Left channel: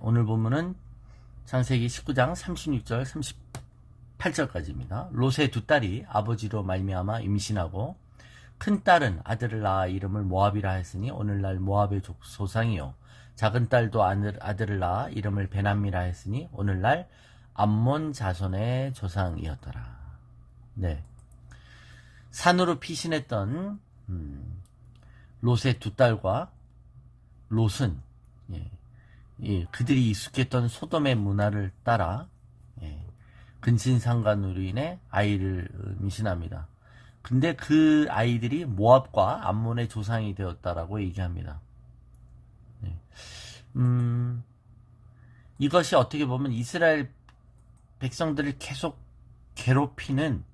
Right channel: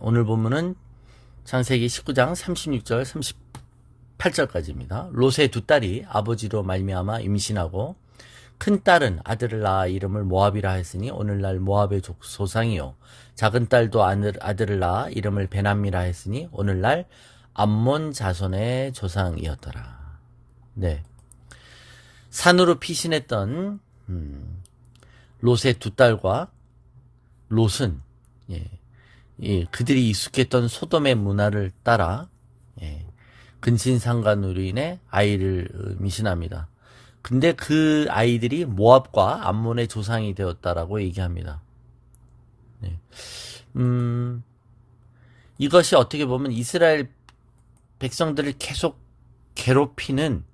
오늘 본문은 창세기 19장 36절 38절까지입니다. 롯의 두 딸이 아버지로 말미암아 임신하고 큰 딸은 아들을 낳아 이름을 모압이라 했으니 오늘날 모압의 조상이요, 작은 딸도 아들을 낳아 이름을 베남이라 했으니 오늘날 암몬 자손의 조상이었더라. 네, 산으로 피신했던 롯의 두 딸과 롯은 그들이 익숙했던 소돔의 문화를 따라 근친상간으로 인해 아이를 임신합니다. 근데 그 아이들이 모압과 암몬의 조상이 되었다라고 얘기합니다. 네. 이것이 어떻게 보면 이스라엘 백성들을 계속 괴롭히는,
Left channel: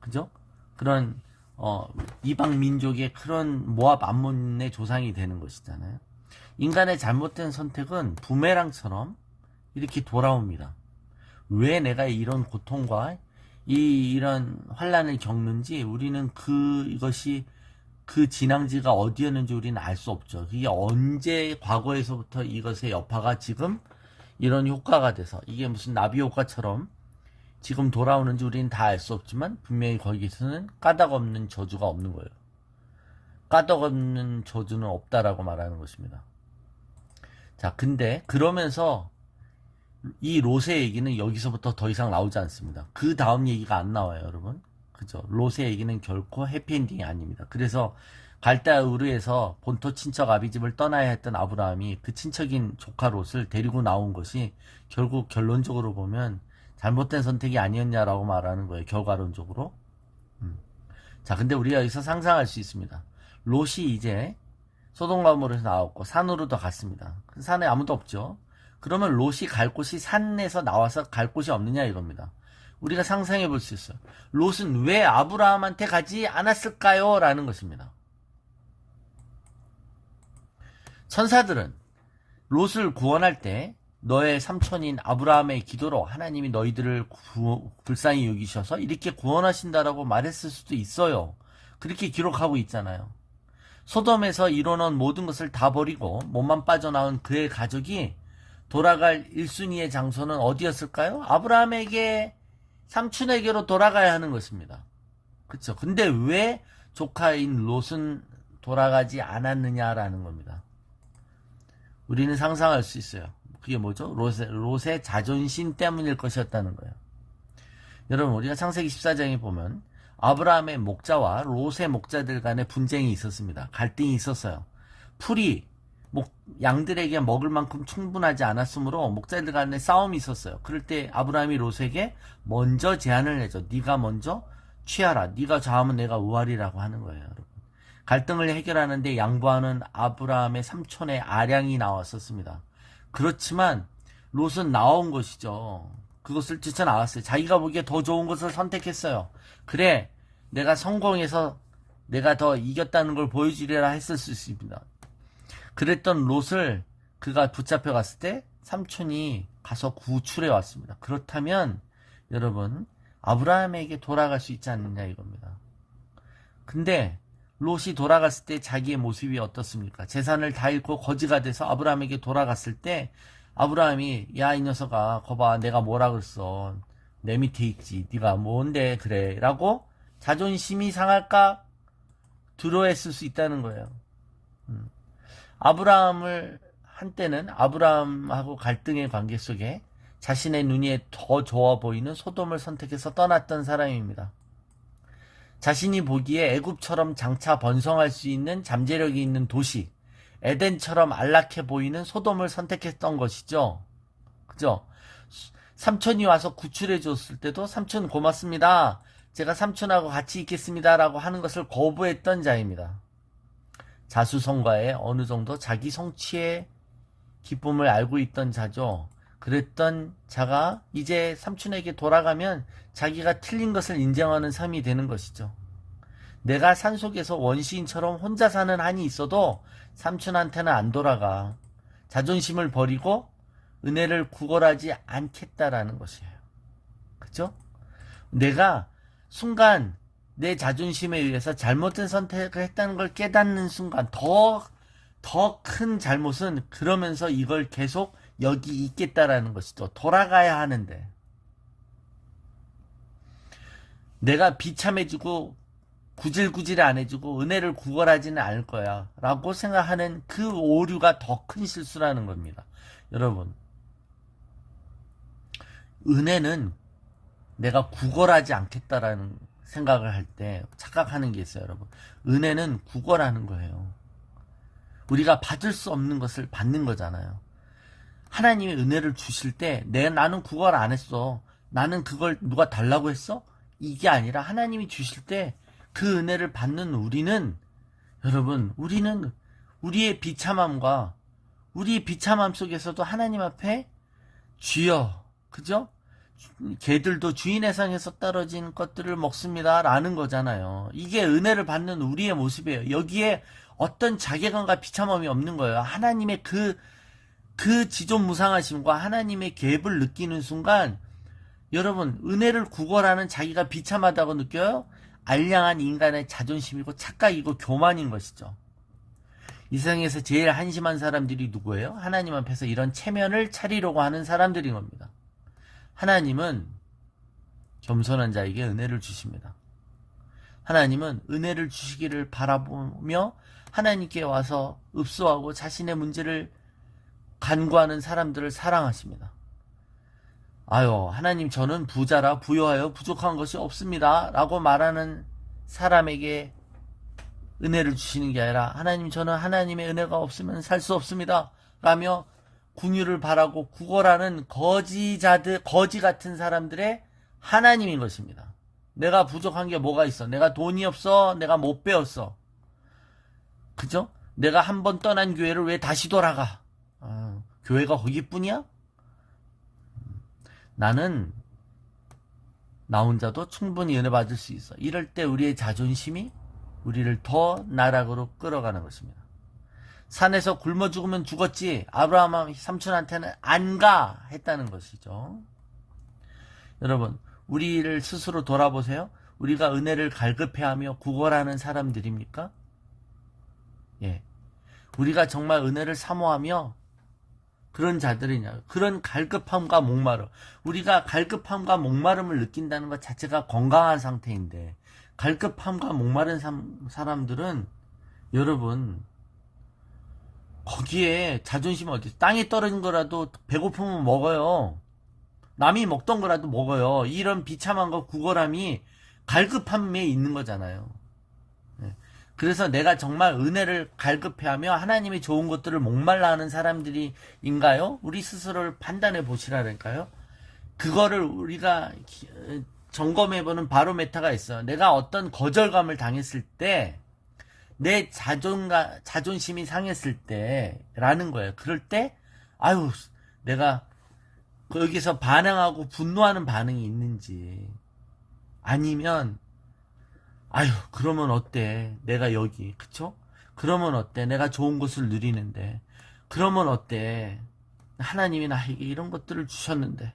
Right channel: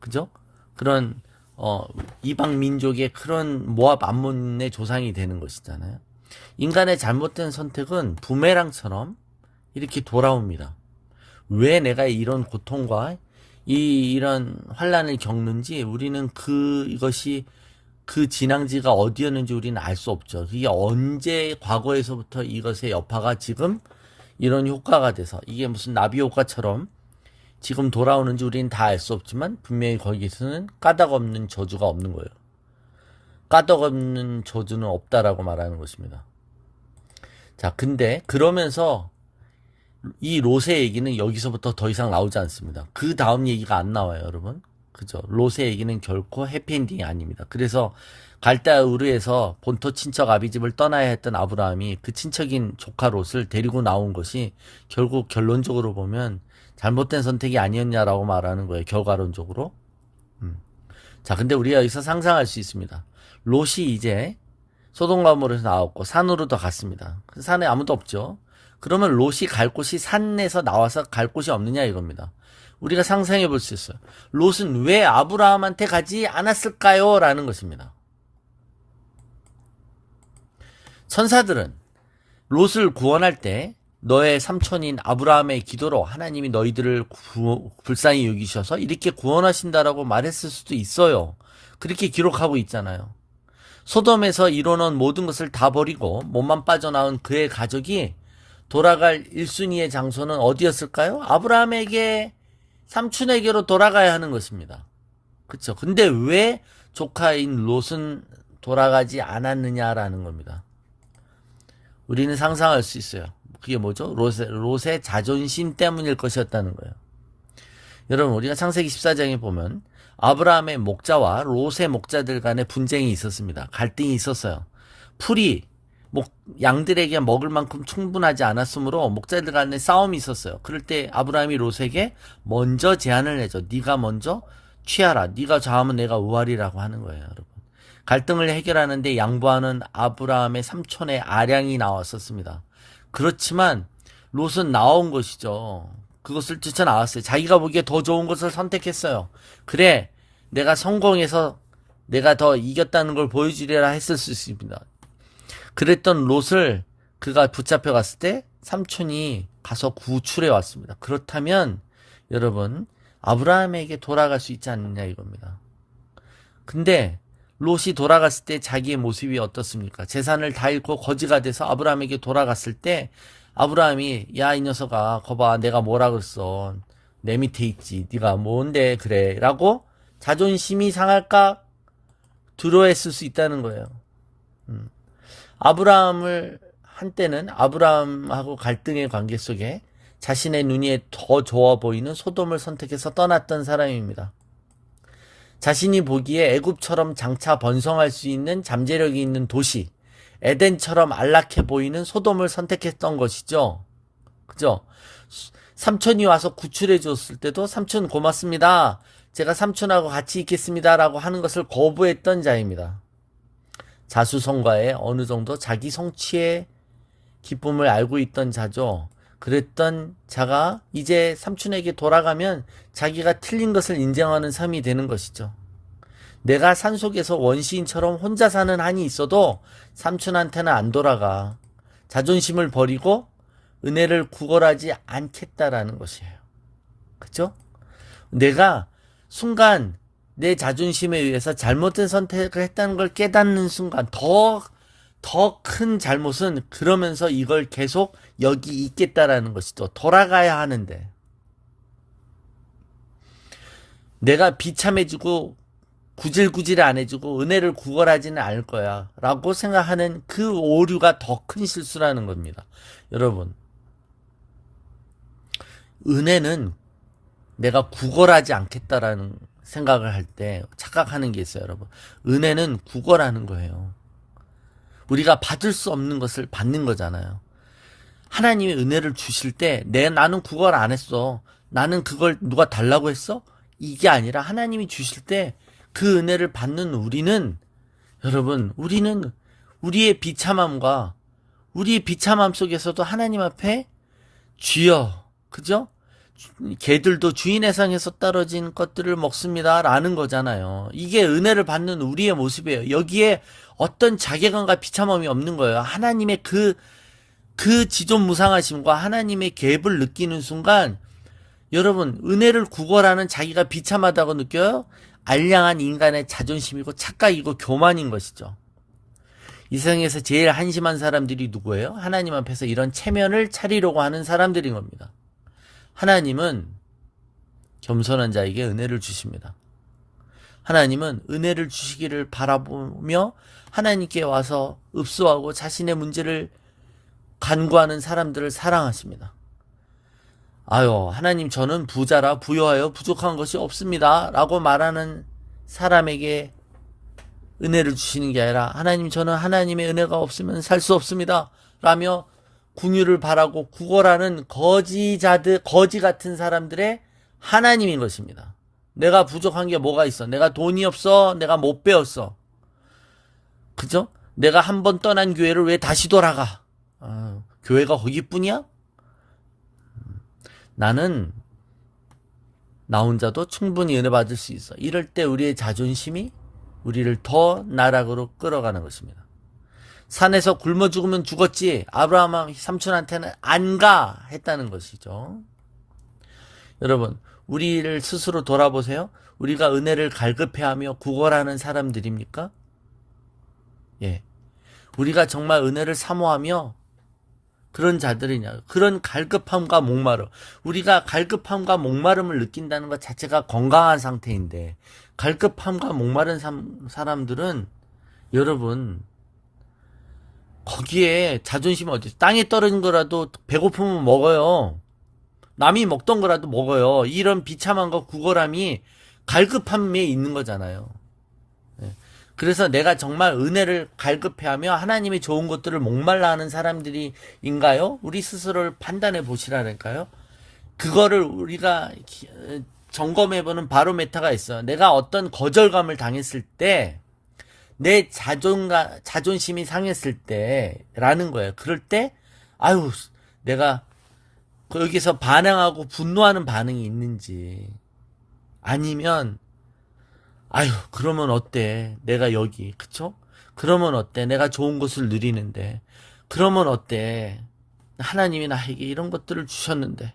그죠? 그런 이방 민족의 그런 모압 암몬의 조상이 되는 것이잖아요. 인간의 잘못된 선택은 부메랑처럼 이렇게 돌아옵니다. 왜 내가 이런 고통과 이런 환란을 겪는지 우리는 이것이 그 진앙지가 어디였는지 우리는 알 수 없죠. 그게 언제 과거에서부터 이것의 여파가 지금 이런 효과가 돼서 이게 무슨 나비 효과처럼 지금 돌아오는지 우리는 다 알 수 없지만 분명히 거기서는 까닭 없는 저주가 없는 거예요. 까닭 없는 저주는 없다라고 말하는 것입니다. 자, 근데 그러면서 이 롯의 얘기는 여기서부터 더 이상 나오지 않습니다. 그 다음 얘기가 안 나와요, 여러분. 그죠? 롯의 얘기는 결코 해피엔딩이 아닙니다. 그래서 갈대아 우르에서 본토 친척 아비집을 떠나야 했던 아브라함이 그 친척인 조카 롯을 데리고 나온 것이 결국 결론적으로 보면 잘못된 선택이 아니었냐라고 말하는 거예요, 결과론적으로. 자, 근데 우리가 여기서 상상할 수 있습니다. 롯이 이제 소돔과 고모라에서 나왔고 산으로 더 갔습니다. 그 산에 아무도 없죠. 그러면 롯이 갈 곳이 산에서 나와서 갈 곳이 없느냐 이겁니다. 우리가 상상해 볼 수 있어요. 롯은 왜 아브라함한테 가지 않았을까요? 라는 것입니다. 천사들은 롯을 구원할 때 너의 삼촌인 아브라함의 기도로 하나님이 너희들을 불쌍히 여기셔서 이렇게 구원하신다라고 말했을 수도 있어요. 그렇게 기록하고 있잖아요. 소돔에서 이뤄놓은 모든 것을 다 버리고 몸만 빠져나온 그의 가족이 돌아갈 1순위의 장소는 어디였을까요? 아브라함에게, 삼촌에게로 돌아가야 하는 것입니다. 그렇죠? 근데 왜 조카인 롯은 돌아가지 않았느냐라는 겁니다. 우리는 상상할 수 있어요. 그게 뭐죠? 롯의 자존심 때문일 것이었다는 거예요. 여러분, 우리가 창세기 14장에 보면 아브라함의 목자와 롯의 목자들 간의 분쟁이 있었습니다. 갈등이 있었어요. 풀이 양들에게 먹을 만큼 충분하지 않았으므로 목자들 간에 싸움이 있었어요. 그럴 때 아브라함이 롯에게 먼저 제안을 해줘. 네가 먼저 취하라. 네가 좌하면 내가 우하리라고 하는 거예요, 여러분. 갈등을 해결하는데 양보하는 아브라함의 삼촌의 아량이 나왔었습니다. 그렇지만 롯은 나온 것이죠. 그것을 뛰쳐나왔어요. 자기가 보기에 더 좋은 것을 선택했어요. 그래, 내가 성공해서 내가 더 이겼다는 걸 보여주리라 했을 수 있습니다. 그랬던 롯을 그가 붙잡혀 갔을 때 삼촌이 가서 구출해 왔습니다. 그렇다면 여러분, 아브라함에게 돌아갈 수 있지 않느냐 이겁니다. 근데 롯이 돌아갔을 때 자기의 모습이 어떻습니까? 재산을 다 잃고 거지가 돼서 아브라함에게 돌아갔을 때 아브라함이 야, 이 녀석아, 거봐, 내가 뭐라 그랬어. 내 밑에 있지. 네가 뭔데 그래 라고 자존심이 상할까 두려워했을 수 있다는 거예요. 아브라함을 한때는 아브라함하고 갈등의 관계 속에 자신의 눈에 더 좋아 보이는 소돔을 선택해서 떠났던 사람입니다. 자신이 보기에 애굽처럼 장차 번성할 수 있는 잠재력이 있는 도시, 에덴처럼 안락해 보이는 소돔을 선택했던 것이죠. 그죠? 삼촌이 와서 구출해 줬을 때도 삼촌 고맙습니다. 제가 삼촌하고 같이 있겠습니다. 라고 하는 것을 거부했던 자입니다. 자수성가에 어느 정도 자기 성취의 기쁨을 알고 있던 자죠. 그랬던 자가 이제 삼촌에게 돌아가면 자기가 틀린 것을 인정하는 삶이 되는 것이죠. 내가 산속에서 원시인처럼 혼자 사는 한이 있어도 삼촌한테는 안 돌아가. 자존심을 버리고 은혜를 구걸하지 않겠다라는 것이에요. 그죠? 내가 순간 내 자존심에 의해서 잘못된 선택을 했다는 걸 깨닫는 순간 더 큰 잘못은 그러면서 이걸 계속 여기 있겠다라는 것이죠. 돌아가야 하는데 내가 비참해지고 구질구질 안 해주고 은혜를 구걸하지는 않을 거야 라고 생각하는 그 오류가 더 큰 실수라는 겁니다. 여러분, 은혜는 내가 구걸하지 않겠다라는 생각을 할 때 착각하는 게 있어요. 여러분, 은혜는 구걸하는 거예요. 우리가 받을 수 없는 것을 받는 거잖아요. 하나님의 은혜를 주실 때 나는 구걸 안 했어, 나는 그걸 누가 달라고 했어, 이게 아니라 하나님이 주실 때 그 은혜를 받는 우리는, 여러분, 우리는 우리의 비참함과 우리의 비참함 속에서도 하나님 앞에 주여, 그죠? 개들도 주인의 상에서 떨어진 것들을 먹습니다 라는 거잖아요. 이게 은혜를 받는 우리의 모습이에요. 여기에 어떤 자괴감과 비참함이 없는 거예요. 하나님의 그 지존무상하심과 하나님의 갭을 느끼는 순간, 여러분, 은혜를 구걸하는 자기가 비참하다고 느껴요? 알량한 인간의 자존심이고 착각이고 교만인 것이죠. 이 세상에서 제일 한심한 사람들이 누구예요? 하나님 앞에서 이런 체면을 차리려고 하는 사람들인 겁니다. 하나님은 겸손한 자에게 은혜를 주십니다. 하나님은 은혜를 주시기를 바라보며 하나님께 와서 읍소하고 자신의 문제를 간구하는 사람들을 사랑하십니다. 아유, 하나님, 저는 부자라 부여하여 부족한 것이 없습니다 라고 말하는 사람에게 은혜를 주시는 게 아니라, 하나님, 저는 하나님의 은혜가 없으면 살 수 없습니다 라며 궁유를 바라고 구걸하는 거지 같은 사람들의 하나님인 것입니다. 내가 부족한 게 뭐가 있어? 내가 돈이 없어? 내가 못 배웠어? 그죠? 내가 한 번 떠난 교회를 왜 다시 돌아가? 교회가 거기뿐이야? 나는 나 혼자도 충분히 은혜 받을 수 있어. 이럴 때 우리의 자존심이 우리를 더 나락으로 끌어가는 것입니다. 산에서 굶어 죽으면 죽었지 아브라함 삼촌한테는 안 가 했다는 것이죠. 여러분, 우리를 스스로 돌아보세요. 우리가 은혜를 갈급해하며 구걸하는 사람들입니까? 예, 우리가 정말 은혜를 사모하며 그런 자들이냐, 그런 갈급함과 목마름, 우리가 갈급함과 목마름을 느낀다는 것 자체가 건강한 상태인데, 갈급함과 목마른 사람들은, 여러분, 거기에 자존심이 어디 있어? 땅에 떨어진 거라도 배고프면 먹어요. 남이 먹던 거라도 먹어요. 이런 비참함과 구걸함이 갈급함에 있는 거잖아요. 그래서 내가 정말 은혜를 갈급해하며 하나님의 좋은 것들을 목말라 하는 사람들인가요? 우리 스스로를 판단해 보시라니까요. 그거를 우리가 점검해보는 바로메타가 있어요. 내가 어떤 거절감을 당했을 때, 내 자존심이 상했을 때라는 거예요. 그럴 때, 아유, 내가 여기서 반항하고 분노하는 반응이 있는지, 아니면 아유, 그러면 어때? 내가 여기, 그쵸? 그러면 어때? 내가 좋은 것을 누리는데. 그러면 어때? 하나님이 나에게 이런 것들을 주셨는데.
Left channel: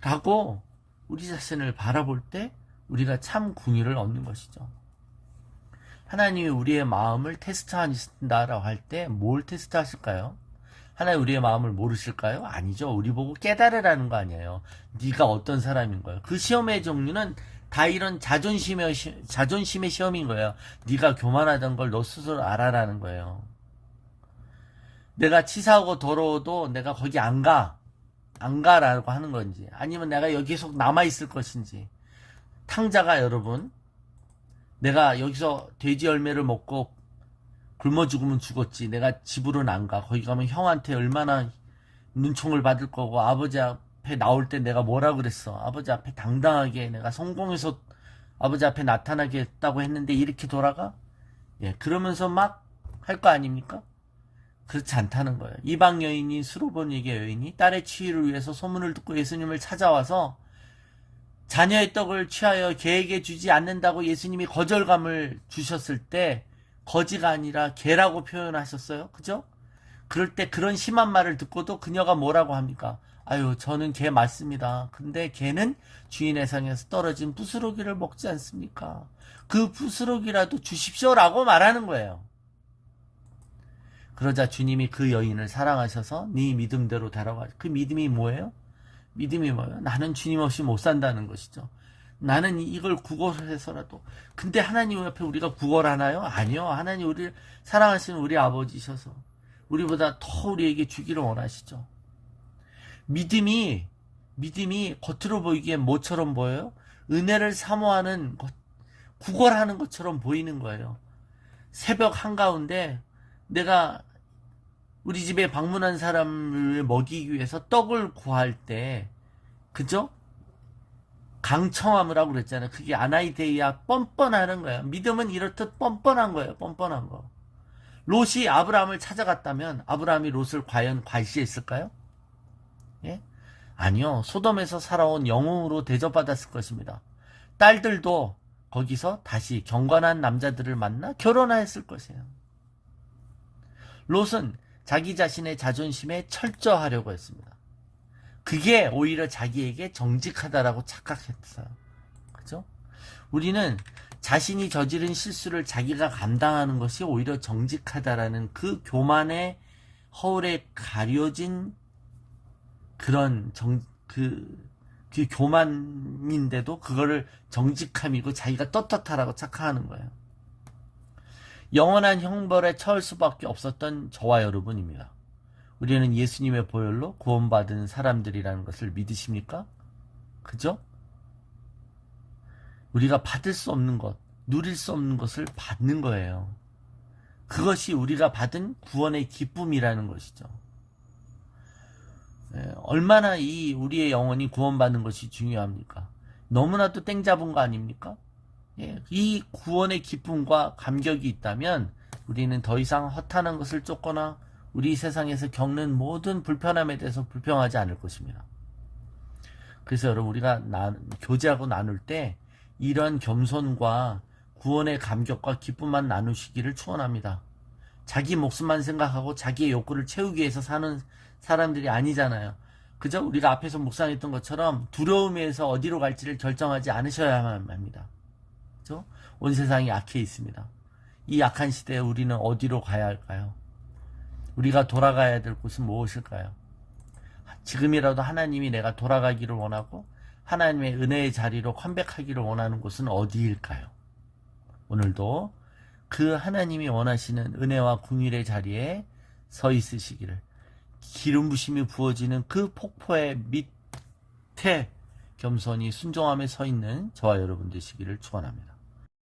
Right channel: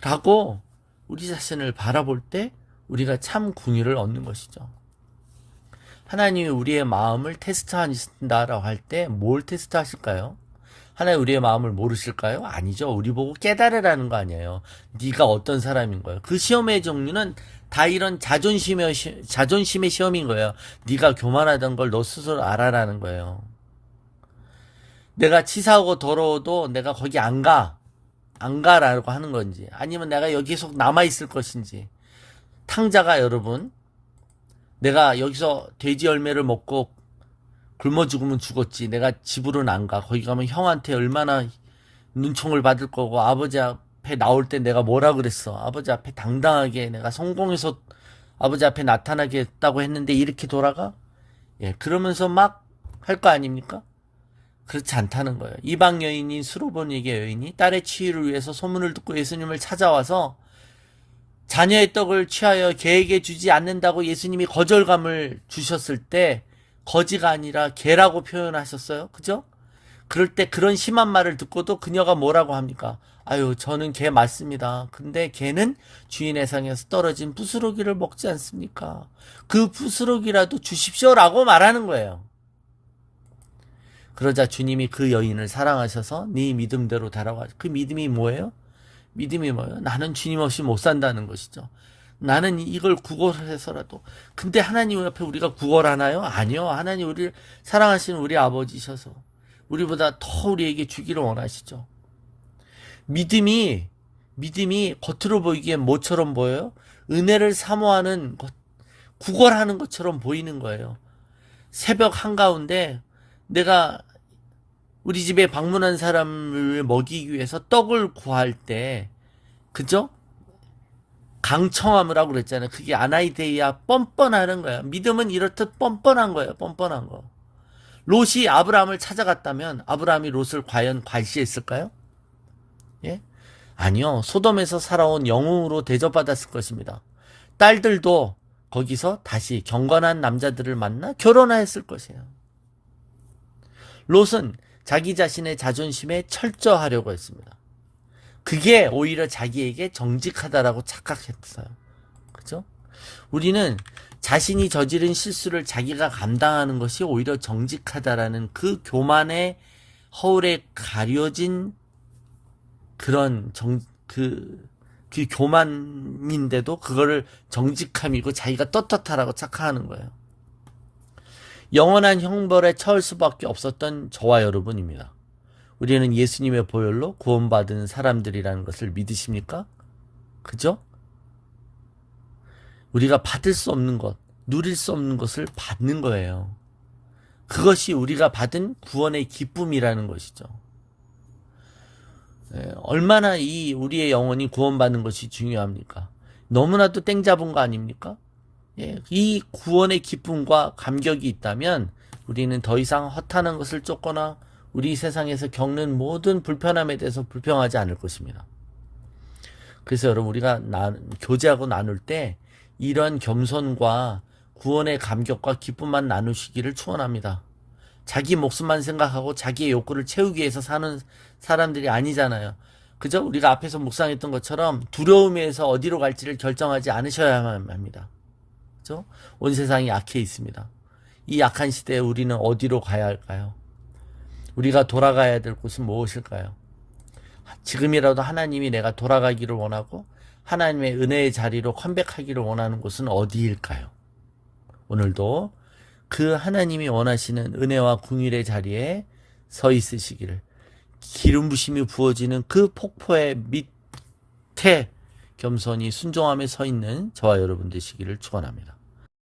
라고 우리 자신을 바라볼 때 우리가 참 긍휼을 얻는 것이죠. 하나님이 우리의 마음을 테스트하신다라고 할 때 뭘 테스트하실까요? 하나님 우리의 마음을 모르실까요? 아니죠. 우리 보고 깨달으라는 거 아니에요. 네가 어떤 사람인 거예요. 그 시험의 종류는 다 이런 자존심의 시험인 거예요. 네가 교만하던 걸 너 스스로 알아라는 거예요. 내가 치사하고 더러워도 내가 거기 안 가라고 하는 건지, 아니면 내가 여기 계속 남아있을 것인지. 탕자가, 여러분, 내가 여기서 돼지 열매를 먹고 굶어 죽으면 죽었지, 내가 집으로는 안 가. 거기 가면 형한테 얼마나 눈총을 받을 거고, 아버지 앞에 나올 때 내가 뭐라 그랬어, 아버지 앞에 당당하게 내가 성공해서 아버지 앞에 나타나겠다고 했는데 이렇게 돌아가? 예, 그러면서 막 할 거 아닙니까? 그렇지 않다는 거예요. 이방 여인이, 수로보니게 여인이 딸의 치유를 위해서 소문을 듣고 예수님을 찾아와서 자녀의 떡을 취하여 개에게 주지 않는다고 예수님이 거절감을 주셨을 때 거지가 아니라 개라고 표현하셨어요. 그죠? 그럴 때 그런 심한 말을 듣고도 그녀가 뭐라고 합니까? 아유, 저는 개 맞습니다. 근데 개는 주인의 상에서 떨어진 부스러기를 먹지 않습니까? 그 부스러기라도 주십시오라고 말하는 거예요. 그러자 주님이 그 여인을 사랑하셔서 네 믿음대로 달아가. 그 믿음이 뭐예요? 믿음이 뭐예요? 나는 주님 없이 못 산다는 것이죠. 나는 이걸 구걸해서라도. 근데 하나님 옆에 우리가 구걸하나요? 아니요. 하나님 우리를 사랑하시는 우리 아버지셔서 우리보다 더 우리에게 주기를 원하시죠. 믿음이 겉으로 보이기엔 뭐처럼 보여요? 은혜를 사모하는 것, 구걸하는 것처럼 보이는 거예요. 새벽 한가운데 내가 우리 집에 방문한 사람을 먹이기 위해서 떡을 구할 때, 그죠? 강청함을 하고 그랬잖아요. 그게 아나이데이아, 뻔뻔하는 거야. 믿음은 이렇듯 뻔뻔한 거예요. 뻔뻔한 거. 롯이 아브라함을 찾아갔다면 아브라함이 롯을 과연 괄시했을까요? 예? 아니요. 소돔에서 살아온 영웅으로 대접받았을 것입니다. 딸들도 거기서 다시 경건한 남자들을 만나 결혼하였을 것이에요. 롯은 자기 자신의 자존심에 철저하려고 했습니다. 그게 오히려 자기에게 정직하다라고 착각했어요. 그죠? 우리는 자신이 저지른 실수를 자기가 감당하는 것이 오히려 정직하다라는 그 교만의 허울에 가려진 그런 그 교만인데도 그거를 정직함이고 자기가 떳떳하라고 착각하는 거예요. 영원한 형벌에 처할 수밖에 없었던 저와 여러분입니다. 우리는 예수님의 보혈로 구원받은 사람들이라는 것을 믿으십니까? 그죠? 우리가 받을 수 없는 것, 누릴 수 없는 것을 받는 거예요. 그것이 우리가 받은 구원의 기쁨이라는 것이죠. 얼마나 이 우리의 영혼이 구원받는 것이 중요합니까? 너무나도 땡 잡은 거 아닙니까? 이 구원의 기쁨과 감격이 있다면 우리는 더 이상 허탄한 것을 쫓거나 우리 세상에서 겪는 모든 불편함에 대해서 불평하지 않을 것입니다. 그래서 여러분 우리가 교제하고 나눌 때 이런 겸손과 구원의 감격과 기쁨만 나누시기를 축원합니다. 자기 목숨만 생각하고 자기의 욕구를 채우기 위해서 사는 사람들이 아니잖아요. 그죠? 우리가 앞에서 묵상했던 것처럼 두려움에서 어디로 갈지를 결정하지 않으셔야만 합니다. 그죠? 온 세상이 악해 있습니다. 이 악한 시대에 우리는 어디로 가야 할까요? 우리가 돌아가야 될 곳은 무엇일까요? 지금이라도 하나님이 내가 돌아가기를 원하고 하나님의 은혜의 자리로 컴백하기를 원하는 곳은 어디일까요? 오늘도 그 하나님이 원하시는 은혜와 긍휼의 자리에 서 있으시기를, 기름 부심이 부어지는 그 폭포의 밑에 겸손히 순종하며 서 있는 저와 여러분 되시기를 축원합니다.